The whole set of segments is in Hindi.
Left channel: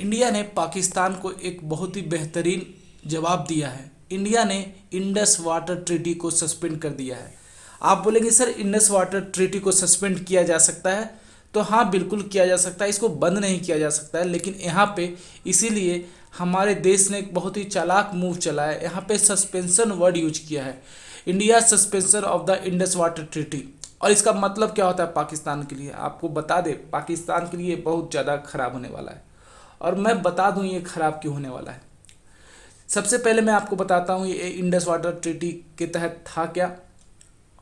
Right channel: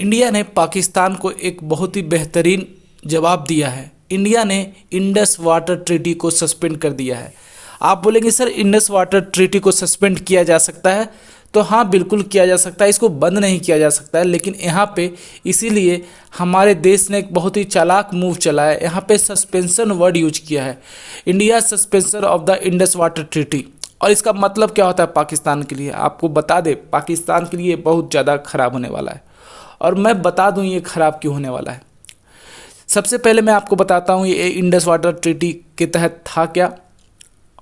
इंडिया ने पाकिस्तान को एक बहुत ही बेहतरीन जवाब दिया है। इंडिया ने इंडस वाटर ट्रीटी को सस्पेंड कर दिया है। आप बोलेंगे सर इंडस वाटर ट्रीटी को सस्पेंड किया जा सकता है, तो हाँ बिल्कुल किया जा सकता है, इसको बंद नहीं किया जा सकता है। लेकिन यहाँ पे इसीलिए हमारे देश ने एक बहुत ही चालाक मूव चला है, यहाँ पे सस्पेंशन वर्ड यूज किया है, India suspension of the Indus water treaty. और इसका मतलब क्या होता है पाकिस्तान के लिए, आपको बता दें, पाकिस्तान के लिए बहुत ज़्यादा खराब होने वाला है। और मैं बता दूं ये ख़राब क्यों होने वाला है। सबसे पहले मैं आपको बताता हूँ ये इंडस वाटर ट्रीटी के तहत था क्या,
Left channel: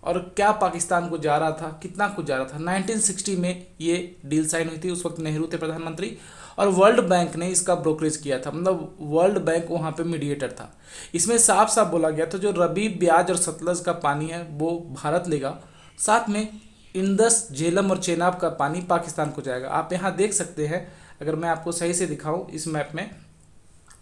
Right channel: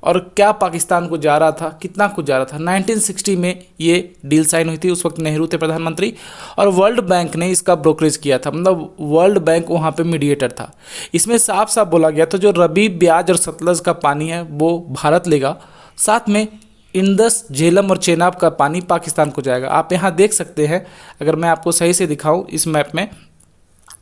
और क्या पाकिस्तान को जा रहा था, कितना कुछ जा रहा था। 1960 में ये डील साइन हुई थी, उस वक्त नेहरू थे प्रधानमंत्री, और वर्ल्ड बैंक ने इसका ब्रोकरेज किया था, मतलब वर्ल्ड बैंक वहाँ पे मीडिएटर था। इसमें साफ साफ बोला गया था जो रबी, ब्याज और सतलज का पानी है वो भारत लेगा, साथ में इंडस, झेलम और चेनाब का पानी पाकिस्तान को जाएगा। आप यहाँ देख सकते हैं, अगर मैं आपको सही से दिखाऊं इस मैप में,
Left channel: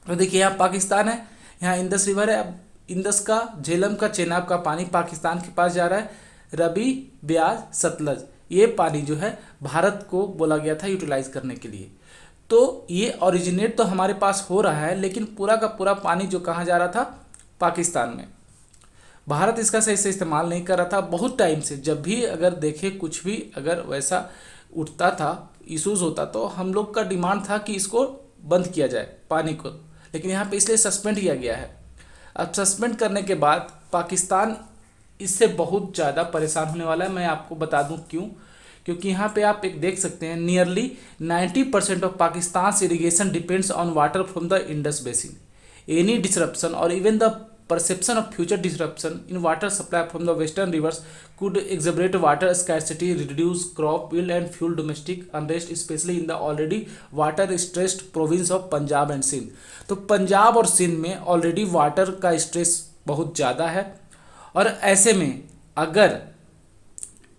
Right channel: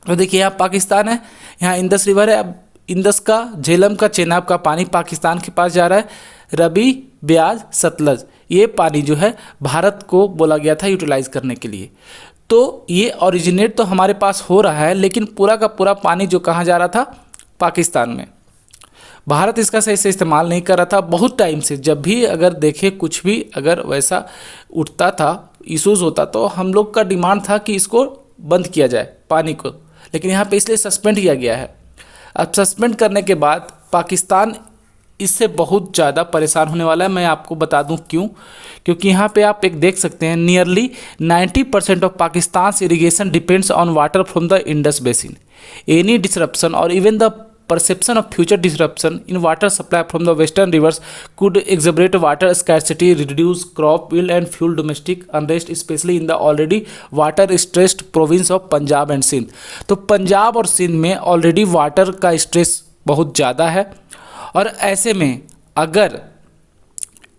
तो देखिए यहाँ पाकिस्तान है, यहाँ इंडस रिवर है। अब इंडस का, झेलम का, चेनाब का पानी पाकिस्तान के पास जा रहा है। रबी, ब्याज, सतलज, ये पानी जो है भारत को बोला गया था यूटिलाइज करने के लिए। तो ये ओरिजिनेट तो हमारे पास हो रहा है, लेकिन पूरा का पूरा पानी जो कहाँ जा रहा था, पाकिस्तान में। भारत इसका सही से इस्तेमाल नहीं कर रहा था बहुत टाइम से। जब भी अगर देखे कुछ भी अगर वैसा उठता था, इशूज़ होता, तो हम लोग का डिमांड था कि इसको बंद किया जाए पानी को, लेकिन यहाँ पे इसलिए सस्पेंड किया गया है। अब सस्पेंड करने के बाद पाकिस्तान इससे बहुत ज़्यादा परेशान होने वाला है। मैं आपको बता दूं क्यों, क्योंकि यहाँ पे आप एक देख सकते हैं, nearly 90% of Pakistan irrigation depends on water from the Indus basin. Any disruption और even the perception of future disruption in water supply from the western rivers could exacerbate water scarcity, reduce crop yield and fuel domestic unrest, especially in the already water stressed province of Punjab and Sindh. तो पंजाब और सिंध में ऑलरेडी वाटर का स्ट्रेस बहुत ज़्यादा है, और ऐसे में अगर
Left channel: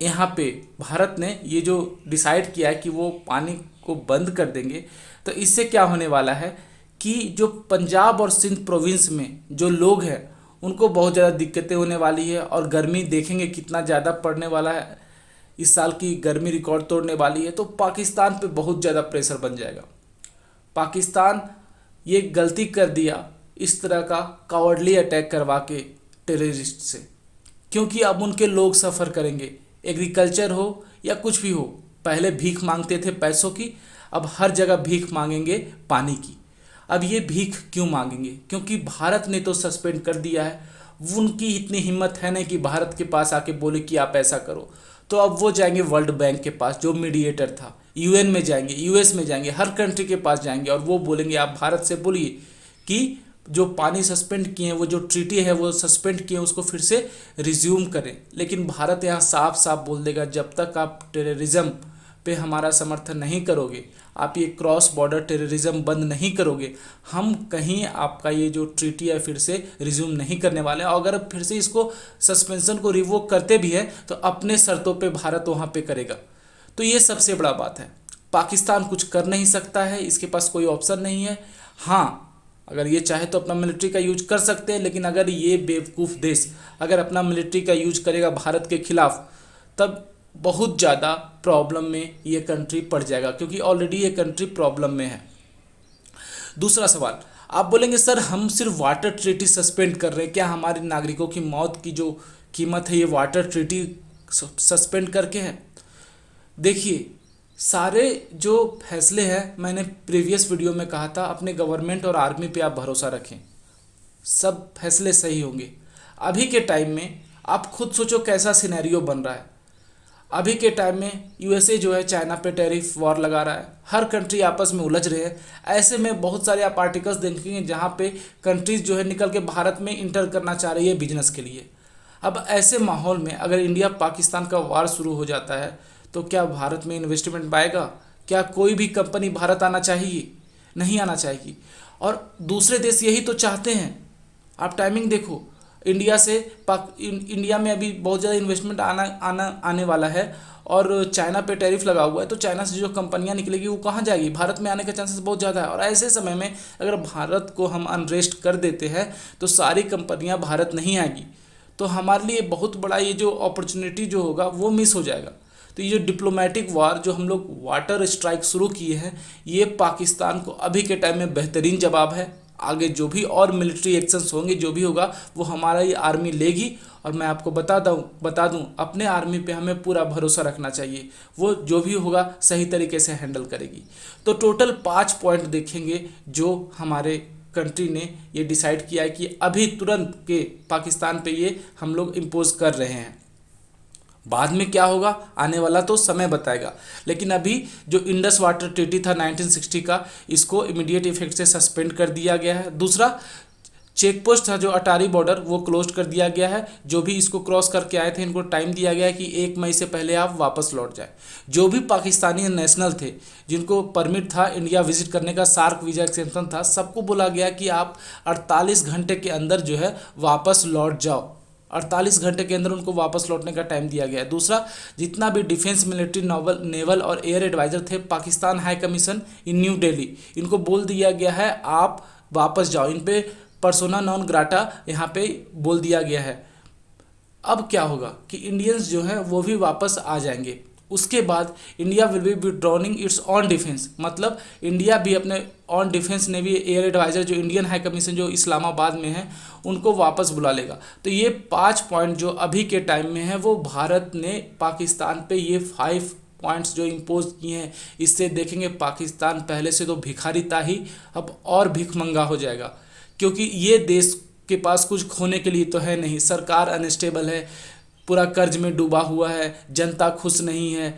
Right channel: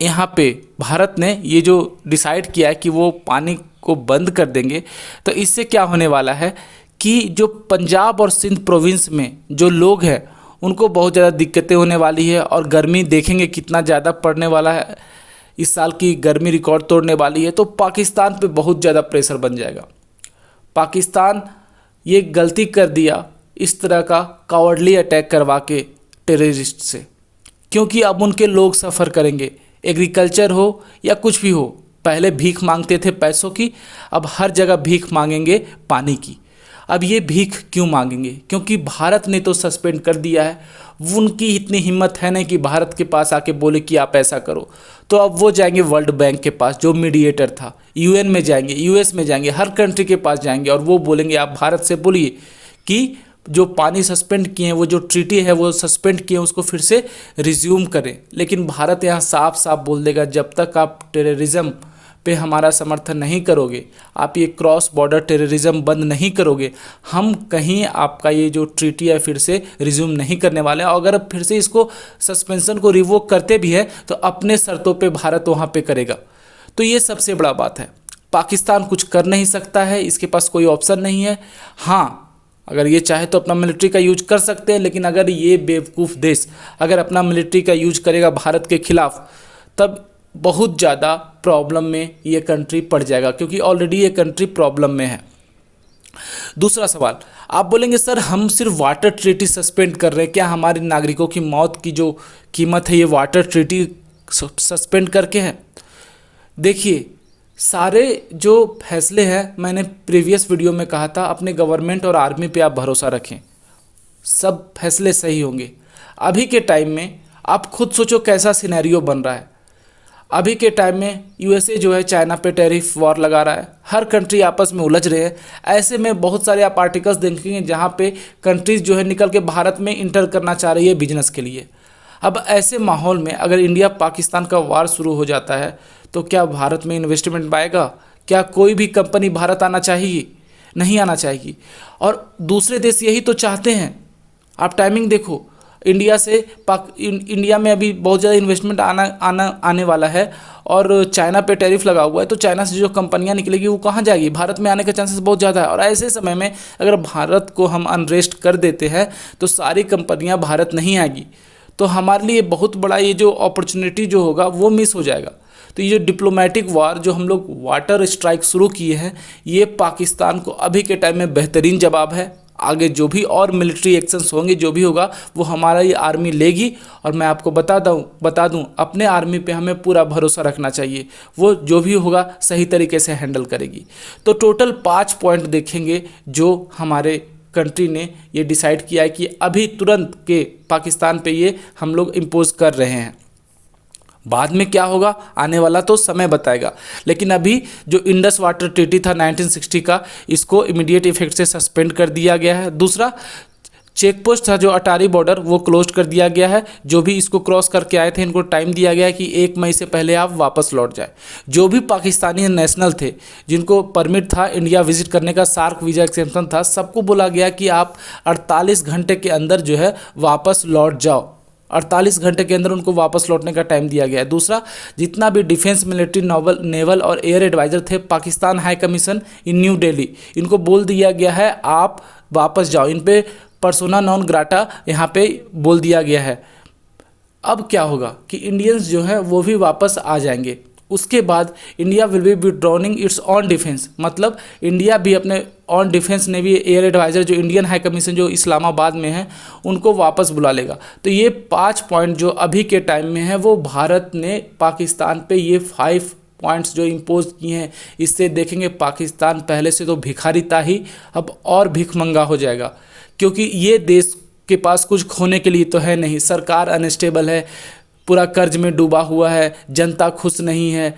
यहाँ पे भारत ने ये जो डिसाइड किया है कि वो पानी को बंद कर देंगे, तो इससे क्या होने वाला है कि जो पंजाब और सिंध प्रोविंस में जो लोग हैं उनको बहुत ज़्यादा दिक्कतें होने वाली है। और गर्मी देखेंगे कितना ज़्यादा पड़ने वाला है, इस साल की गर्मी रिकॉर्ड तोड़ने वाली है। तो पाकिस्तान पे बहुत ज़्यादा प्रेशर बन जाएगा। पाकिस्तान ये गलती कर दिया इस तरह का कावर्डली अटैक करवा के टेररिस्ट से, क्योंकि अब उनके लोग सफ़र करेंगे। एग्रीकल्चर हो या कुछ भी हो, पहले भीख मांगते थे पैसों की, अब हर जगह भीख मांगेंगे पानी की। अब ये भीख क्यों मांगेंगे, क्योंकि भारत ने तो सस्पेंड कर दिया है। उनकी इतनी हिम्मत है नहीं कि भारत के पास आके बोले कि आप ऐसा करो। तो अब वो जाएंगे वर्ल्ड बैंक के पास जो मीडिएटर था, यूएन में जाएंगे, यूएस में जाएंगे, हर कंट्री के पास जाएंगे, और वो बोलेंगे आप भारत से बोलिए कि जो पानी सस्पेंड किए हैं, वो जो ट्रीटी है वो सस्पेंड किए हैं, उसको फिर से रिज्यूम करें। लेकिन भारत यहाँ साफ साफ बोल देगा जब तक आप टेररिज्म पे हमारा समर्थन नहीं करोगे, आप ये क्रॉस बॉर्डर टेररिज्म बंद नहीं करोगे, हम कहीं आपका ये जो ट्रीटी है फिर से रिज्यूम नहीं करने वाले हैं। और अगर फिर से इसको सस्पेंशन को रिवोक करते भी है तो अपने शर्तों पे भारत वहाँ पे करेगा। तो ये सबसे बड़ा बात है। पाकिस्तान कुछ कर नहीं सकता है, इसके पास कोई ऑप्शन नहीं है। हाँ, अगर ये चाहे तो अपना मिलिट्री का यूज कर सकते हैं, लेकिन अगर ये बेवकूफ़ देश अगर अपना मिलिट्री का यूज करेगा भारत के खिलाफ, तब बहुत ज़्यादा प्रॉब्लम में ये कंट्री पड़ जाएगा, क्योंकि ऑलरेडी ये कंट्री प्रॉब्लम में है। दूसरा सवाल, आप बोलेंगे सर हम सिर्फ वाटर ट्रीटी सस्पेंड कर रहे हैं, क्या हमारे नागरिकों की मौत की जो कीमत है ये वाटर ट्रीटी सस्पेंड करके है? देखिए, सारे जो फैसले हैं, मैंने प्रीवियस वीडियो में कहा था, अपने गवर्नमेंट और आर्मी पे आप भरोसा रखें, सब फैसले सही होंगे। अभी के टाइम में आप खुद सोचो कैसा सिनेरियो बन रहा है। अभी के टाइम में यूएसए जो है चाइना पे टैरिफ वॉर लगा रहा है, हर कंट्री आपस में उलझ रहे हैं। ऐसे में बहुत सारे आप आर्टिकल्स देखेंगे जहाँ पे कंट्रीज़ जो है निकल के भारत में इंटर करना चाह रही है बिजनेस के लिए। अब ऐसे माहौल में अगर इंडिया पाकिस्तान का वार शुरू हो जाता है तो क्या भारत में इन्वेस्टमेंट आएगा? क्या कोई भी कंपनी भारत आना चाहिए? नहीं आना चाहिए। और दूसरे देश यही तो चाहते हैं। आप टाइमिंग देखो, इंडिया से इंडिया में अभी बहुत ज़्यादा इन्वेस्टमेंट आने वाला है, और चाइना पे टैरिफ लगा हुआ है, तो चाइना से जो कंपनियां निकलेगी वो कहाँ जाएगी? भारत में आने के चांसेस बहुत ज़्यादा है। और ऐसे समय में अगर भारत को हम अनरेस्ट कर देते हैं तो सारी कंपनियां भारत नहीं आएगी, तो हमारे लिए बहुत बड़ा ये जो अपॉर्चुनिटी जो होगा वो मिस हो जाएगा। तो ये जो डिप्लोमेटिक वार जो हम लोग वाटर स्ट्राइक शुरू किए हैं, ये पाकिस्तान को अभी के टाइम में बेहतरीन जवाब है। आगे जो भी और मिलिट्री एक्शंस होंगे, जो भी होगा वो हमारा ये आर्मी लेगी। और मैं आपको बता दूं अपने आर्मी पे हमें पूरा भरोसा रखना चाहिए, वो जो भी होगा सही तरीके से हैंडल करेगी। तो टोटल 5 पॉइंट देखेंगे जो हमारे कंट्री ने ये डिसाइड किया है कि अभी तुरंत के पाकिस्तान पे ये हम लोग इम्पोज कर रहे हैं। बाद में क्या होगा आने वाला तो समय बताएगा, लेकिन अभी जो इंडस वाटर ट्रीटी था 1960 का, इसको इमीडिएट इफेक्ट से सस्पेंड कर दिया गया है। दूसरा, चेक पोस्ट था जो अटारी बॉर्डर, वो क्लोज कर दिया गया है। जो भी इसको क्रॉस करके आए थे इनको टाइम दिया गया है कि 1 मई से पहले आप वापस लौट जाए। जो भी पाकिस्तानी नेशनल थे जिनको परमिट था इंडिया विजिट करने का, सार्क वीज़ा एक्सेप्शन था, सबको बोला गया कि आप 48 घंटे के अंदर जो है वापस लौट जाओ। 48 घंटे के अंदर उनको वापस लौटने का टाइम दिया गया है। दूसरा, जितना भी डिफेंस, मिलिट्री, नेवल और एयर एडवाइज़र थे पाकिस्तान हाई कमीशन इन न्यू दिल्ली, इनको बोल दिया गया है आप वापस जाओ। इन पे पर्सोना नॉन ग्राटा यहाँ पे बोल दिया गया है। अब क्या होगा कि इंडियंस जो है वो भी वापस आ जाएंगे। उसके बाद India will be withdrawing its own defence, मतलब इंडिया भी अपने own defence navy air adviser जो इंडियन हाई कमीशन जो इस्लामाबाद में है उनको वापस बुला लेगा। तो ये 5 पॉइंट जो अभी के टाइम में है वो भारत ने पाकिस्तान पे ये 5 पॉइंट्स जो इम्पोज किए हैं, इससे देखेंगे पाकिस्तान पहले से तो भिखारी था ही, अब और भिखमंगा हो जाएगा। क्योंकि ये देश के पास कुछ खोने के लिए तो है नहीं, सरकार अनस्टेबल है, पूरा कर्ज में डूबा हुआ है, जनता खुश नहीं है,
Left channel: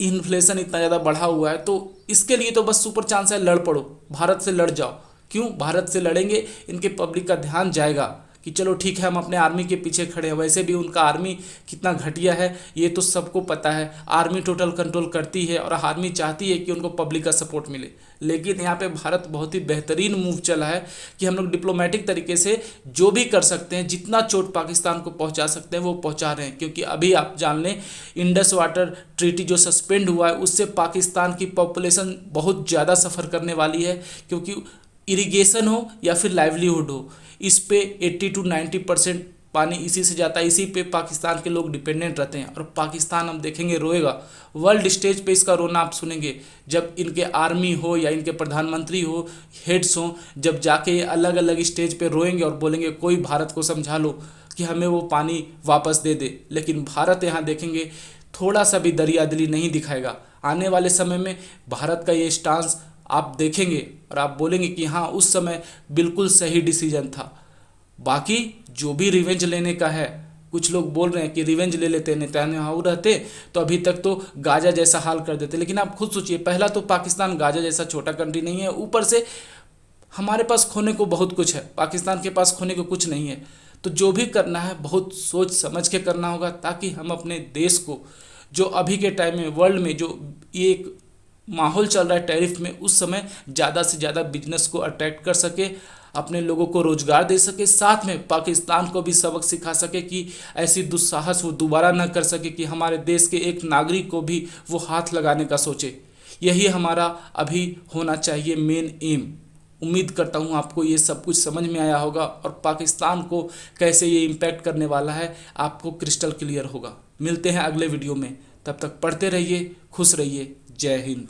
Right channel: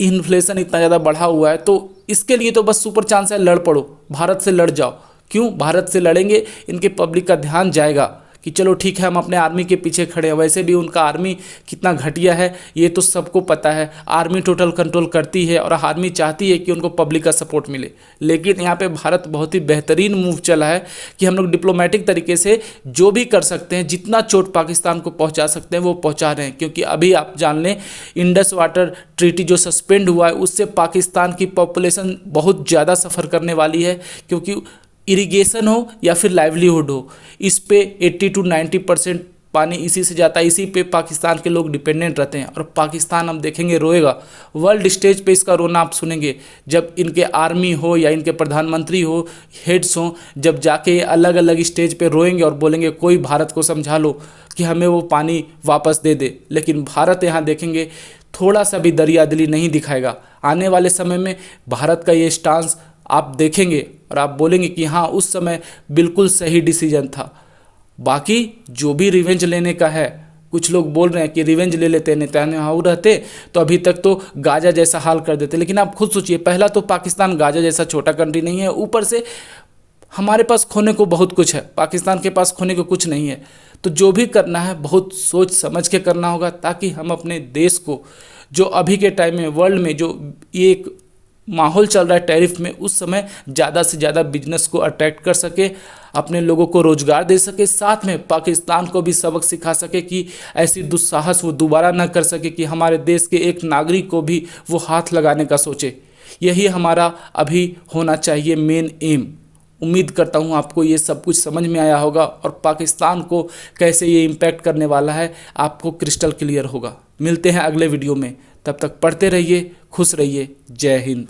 इन्फ्लेशन इतना ज़्यादा बढ़ा हुआ है। तो इसके लिए तो बस सुपर चांस है, लड़ पड़ो, भारत से लड़ जाओ। क्यों भारत से लड़ेंगे? इनके पब्लिक का ध्यान जाएगा कि चलो ठीक है हम अपने आर्मी के पीछे खड़े हैं। वैसे भी उनका आर्मी कितना घटिया है ये तो सबको पता है। आर्मी टोटल कंट्रोल करती है और आर्मी चाहती है कि उनको पब्लिक का सपोर्ट मिले। लेकिन यहाँ पे भारत बहुत ही बेहतरीन मूव चला है कि हम लोग डिप्लोमेटिक तरीके से जो भी कर सकते हैं, जितना चोट पाकिस्तान को पहुँचा सकते हैं वो पहुँचा रहे हैं। क्योंकि अभी आप जान लें इंडस वाटर ट्रीटी जो सस्पेंड हुआ है उससे पाकिस्तान की पॉपुलेशन बहुत ज़्यादा सफ़र करने वाली है। क्योंकि इरिगेशन हो या फिर लाइवलीहुड हो, इस पे 80 to 90% पानी इसी से जाता है, इसी पे पाकिस्तान के लोग डिपेंडेंट रहते हैं। और पाकिस्तान हम देखेंगे रोएगा, वर्ल्ड स्टेज पे इसका रोना आप सुनेंगे जब इनके आर्मी हो या इनके प्रधानमंत्री हो, हेड्स हो, जब जाके अलग अलग स्टेज पे रोएंगे और बोलेंगे कोई भारत को समझा लो कि हमें वो पानी वापस दे दे। लेकिन भारत यहाँ देखेंगे थोड़ा सा भी दरियादिली नहीं दिखाएगा। आने वाले समय में भारत का ये स्टांस आप देखेंगे और आप बोलेंगे कि हाँ उस समय बिल्कुल सही डिसीजन था। बाकी जो भी रिवेंज लेने का है, कुछ लोग बोल रहे हैं कि रिवेंज ले लेते, नेतन्याहू रहते तो अभी तक तो गाजा जैसा हाल कर देते। लेकिन आप खुद सोचिए, पहला तो पाकिस्तान गाजा जैसा छोटा कंट्री नहीं है, ऊपर से हमारे पास खोने को बहुत कुछ है, पाकिस्तान के पास खोने को कुछ नहीं है। तो जो भी करना है बहुत सोच समझ के करना होगा, ताकि हम अपने देश को जो अभी के टाइम में वर्ल्ड में जो ये एक माहौल चल रहा है टैरिफ में, उस समय ज़्यादा से ज़्यादा बिजनेस को अट्रैक्ट कर सके, अपने लोगों को रोजगार दे सके, साथ में पाकिस्तान को भी सबक सिखा सके कि ऐसी दुस्साहस वो दोबारा ना कर सके कि हमारे देश के एक नागरिक को भी वो हाथ लगाने का सोचे। यही हमारा अभी होना चाहिए मेन एम। उम्मीद करता हूँ आपको ये सब कुछ समझ में आया होगा और पाकिस्तान को कैसे ये इम्पैक्ट करने वाला है आपको क्रिस्टल क्लियर होगा। मिलते हैं अगले वीडियो में, तब तक पढ़ते रहिए, खुश रहिए। जय हिंद।